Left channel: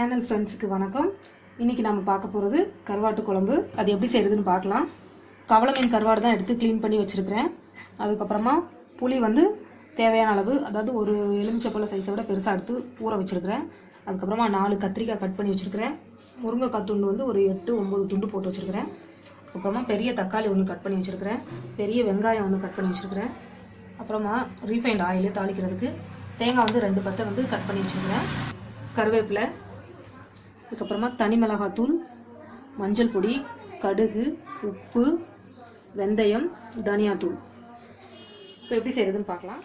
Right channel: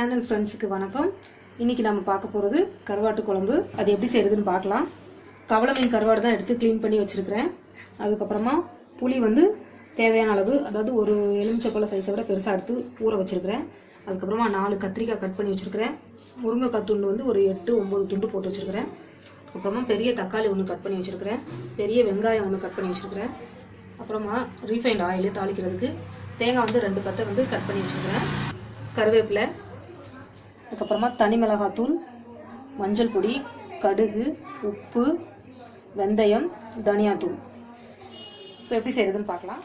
Channel ஃப்ரெண்ட்ஸுக்கு வணக்கம். இன்றைக்கி நம்ம பார்க்க போகிறது கருவாட்டு குழம்பு. அது எப்படி செய்கிறதுன்னு பார்க்கலாம். கவள மீன் கருவாடு தான் எடுத்து க்ளீன் பண்ணி வச்சுருக்கிறேன். அதுக்கப்புறமா புளி தேவையான அளவு, அதாவது ஒரு எலுமிச்சப்பழ சைஸை விட பெருசாக எடுத்து ஊற வச்சுருக்கிறேன். அதுக்கப்புறமா 4 கத்திரிக்காய் கட் பண்ணி வச்சுருக்கிறேன். முருங்கைக்காய் துண்டு ஒரு 8-9 துண்டு போட்டு வச்சுருக்கிறேன். அப்புறமா பெரிய தக்காளி ஒன்று கட் பண்ணி வச்சுருக்கிறேன். பெரிய வெங்காயம் ஒன்று கட் பண்ணி வச்சுருக்கிறேன். அப்புறமா ரீஃபைண்ட் ஆயில் தாளிக்கிறதுக்கு தேங்காய் 2 பத்தை கட் பண்ணி வச்சுருக்கிறேன். கருவேப்பிலை, அதுக்கப்புறமா தனி மிளகாத்தூள், மஞ்சள் பொடி, கடுகு, உப்பு, வெந்தயம், தனியாத்தூள். இப்போ எப்படி செய்கிறதுன்னு பார்க்கலாம்.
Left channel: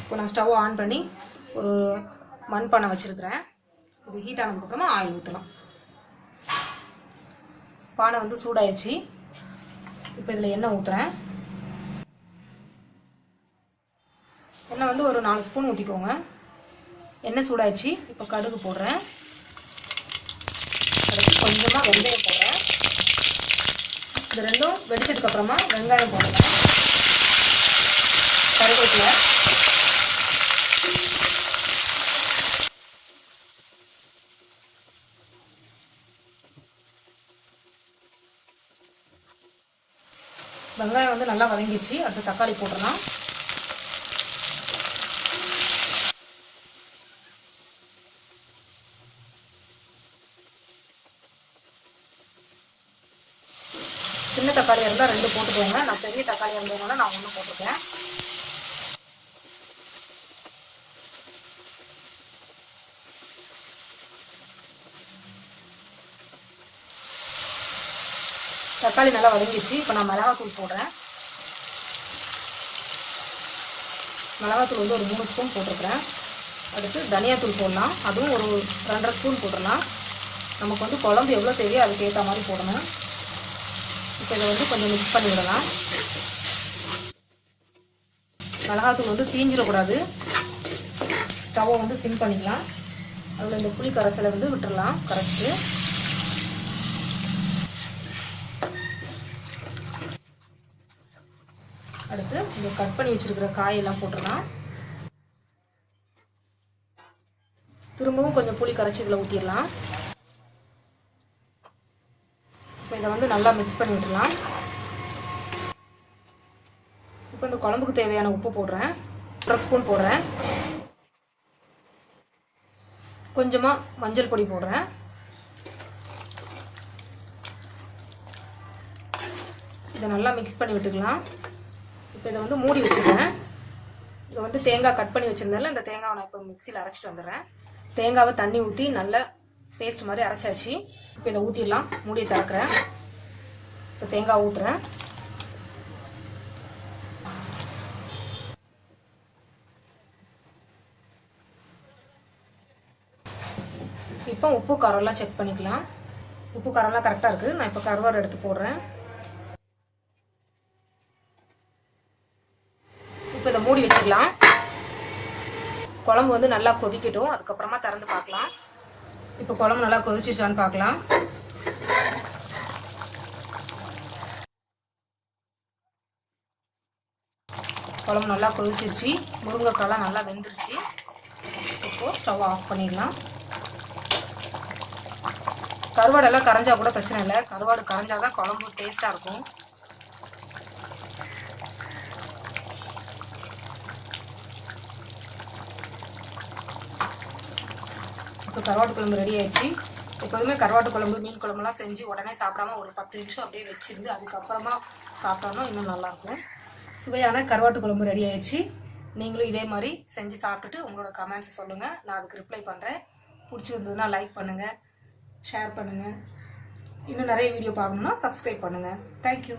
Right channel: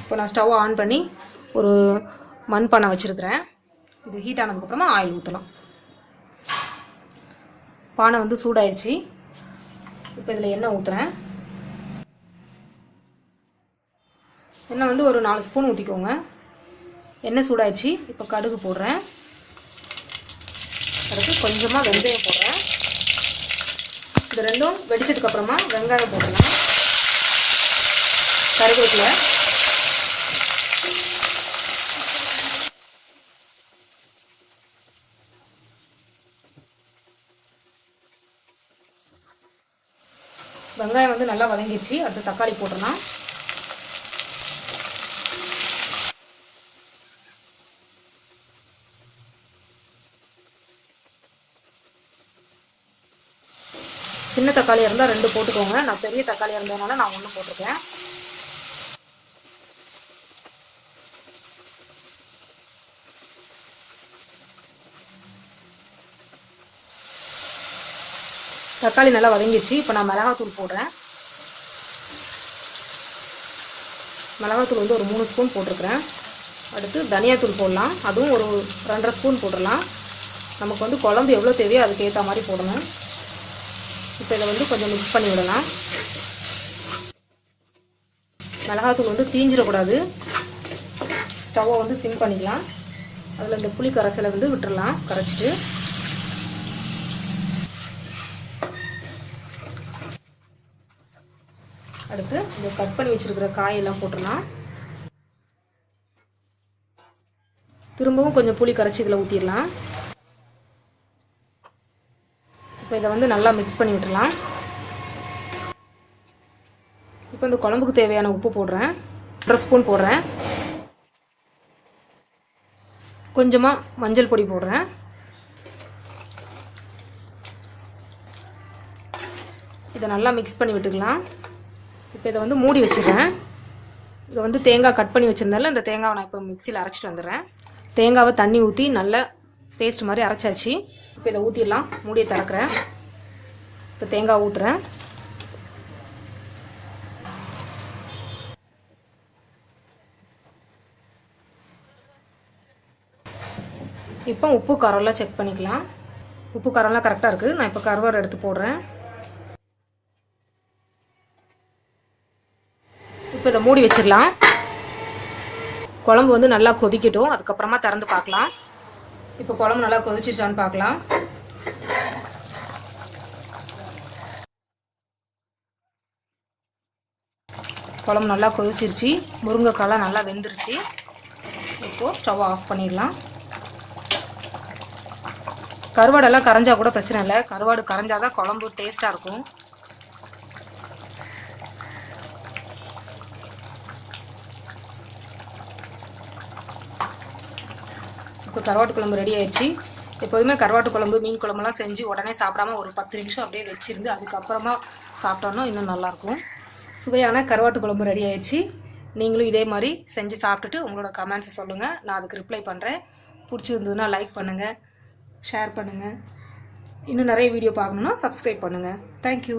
இப்போ நான் ஸ்டவ் ஆன் பண்ணி ஒரு மண்பானை வச்சுருக்கிறேன். இது ஹீட் ஆனதுக்கப்புறமா ஆயில் ஊற்றலாம். பானை சூடாயிடுச்சு. இப்போ இதில் எண்ணெய் ஊற்றுறேன். எண்ணெய் ஒரு 4 ஸ்பூன் ஊற்றிக்கோங்க. எண்ணெய் சூடாயிடுச்சு. இப்போ கடுகு போடுறேன். அதுக்கு கொஞ்சமாக வெந்தயம் போடுறேன். இது ரெண்டும் வெடிச்சதுக்கப்புறமா வெங்காயம் போடலாம். கருவேப்பிலை, வெங்காயம் நல்லா வதங்கிடுச்சு. அடுத்து தக்காளி போடலாம். சின்ன தக்காளியாக இருந்தால் 2 போட்டுக்கோங்க. நான் பெரிய தக்காளியாக இருந்ததுனால நான் 1 போட்டிருக்கேன். தக்காளி நல்லா வதங்கிடுச்சு. இப்போ நான் மிளகாத்தூள் போடுறேன். மிளகாத்தூள் ஒரு 3 ஸ்பூன் போட்டிருக்கிறேன். அடுத்து தனியாத்தூள் போடலாம். அதுவும் ஒரு 2.5 ஸ்பூன் போடலாம். நமக்கு குழம்பு எவ்வளோ தேவையோ அதுக்கு ஏற்ற மாதிரி போடணும். இப்போ இதை கொஞ்சம் மிக்ஸ் பண்ணி விடலாம். மிளகாத்தூள் தீஞ்சிடக்கூடாது. ஸ்டவ்வை சிம் பண்ணிக்கலாம். அதில் இந்த புளி கரைசலை விட்டுடலாம். கரைச்சிட்டு அடுத்து இந்த கட் பண்ணி வச்சிருக்கிற காயெல்லாம் போட்டுடலாம். திரும்பவும் கொஞ்சம் புளி கரைச்சி இதில் ஊற்றிடலாம். இப்போ இதை நல்லா மிக்ஸ் பண்ணி விட்டுடலாம். இப்போ இந்த குழம்புக்கு தேவையான உப்பு போடுறேன். 1 ஸ்பூன் போடுறேன். கொஞ்சமாக மஞ்சள் பொடி போடுறேன். இதை நல்லா மிக்ஸ் பண்ணி விட்டுக்கலாம். இப்போ இதை மூடி வச்சுக்கிறேன். இதை தேங்காய் கட் பண்ணி வச்சுருந்தால இந்த தேங்காவை நான் இப்போ மிக்சியில் அரைச்சிட்டு வந்துடுறேன். தேங்காவை தண்ணி ஊற்றி நல்லா பேஸ்ட் மாதிரி அரைச்சாச்சு. இப்போ இதை ஊற்றிடலாம். மூடியை திறக்கிறேன். இப்போ தேங்காய் ஊற்றுறேன். இப்போ உப்பு காரம்லாம் செக் பண்ணிக்கலாம். உப்பு காரம்லாம் கரெக்டாக இருக்குது. நான் இப்போ கருவாடு எடுத்து போடுறேன். இப்போ இதை மூடி வச்சிடலாம். குழம்பு நல்லா கொதிக்கட்டும். அதுக்கப்புறமா திறந்து பார்க்கலாம். இப்போ குழம்பு நல்லா கொதிச்சிருச்சான்னு பார்க்கலாம். குழம்பு நல்லா கொதிச்சிருச்சு. முருங்கைக்காய்லாம் நல்லா வெந்துருச்சு. இப்போது ஸ்டவ் ஆஃப் பண்ணிடலாம். கருவாடெல்லாம் கரைஞ்சா கூட பிரச்சனை இல்லை. கருவாடு கரைஞ்சாதான் குழம்பு டேஸ்ட்டாக இருக்கும். இப்போ கருவாட்டு குழம்பு ரெடி ஆயிடுச்சு. எப்போதுமே கருவாட்டு குழம்பு மீன் குழம்புலாம் செஞ்சு உடனே சாப்பிடாம ஒரு 10 நிமிஷம் அப்படியே வச்சிருந்து அதுக்கப்புறமா சாப்பிட்டோன்னா இன்னும் நல்லாயிருக்கும். சுவையான கருவாட்டு குழம்பு ரெடி ஆயிடுச்சு. நீங்களும் இதே மாதிரி செஞ்சு சாப்பிட்டுட்டு உங்களோட கமெண்ட்ஸை சொல்லுங்கள். நான் அதுக்கு ரிப்ளை பண்ணுறேன். பிடிச்சிருந்ததுன்னா லைக் பண்ணுங்கள், ஷேர் பண்ணுங்கள். இன்னும் நிறைய வீடியோ பார்க்கணுன்னா சப்ஸ்கிரைப் பண்ணுங்கள். தேங்க்யூ.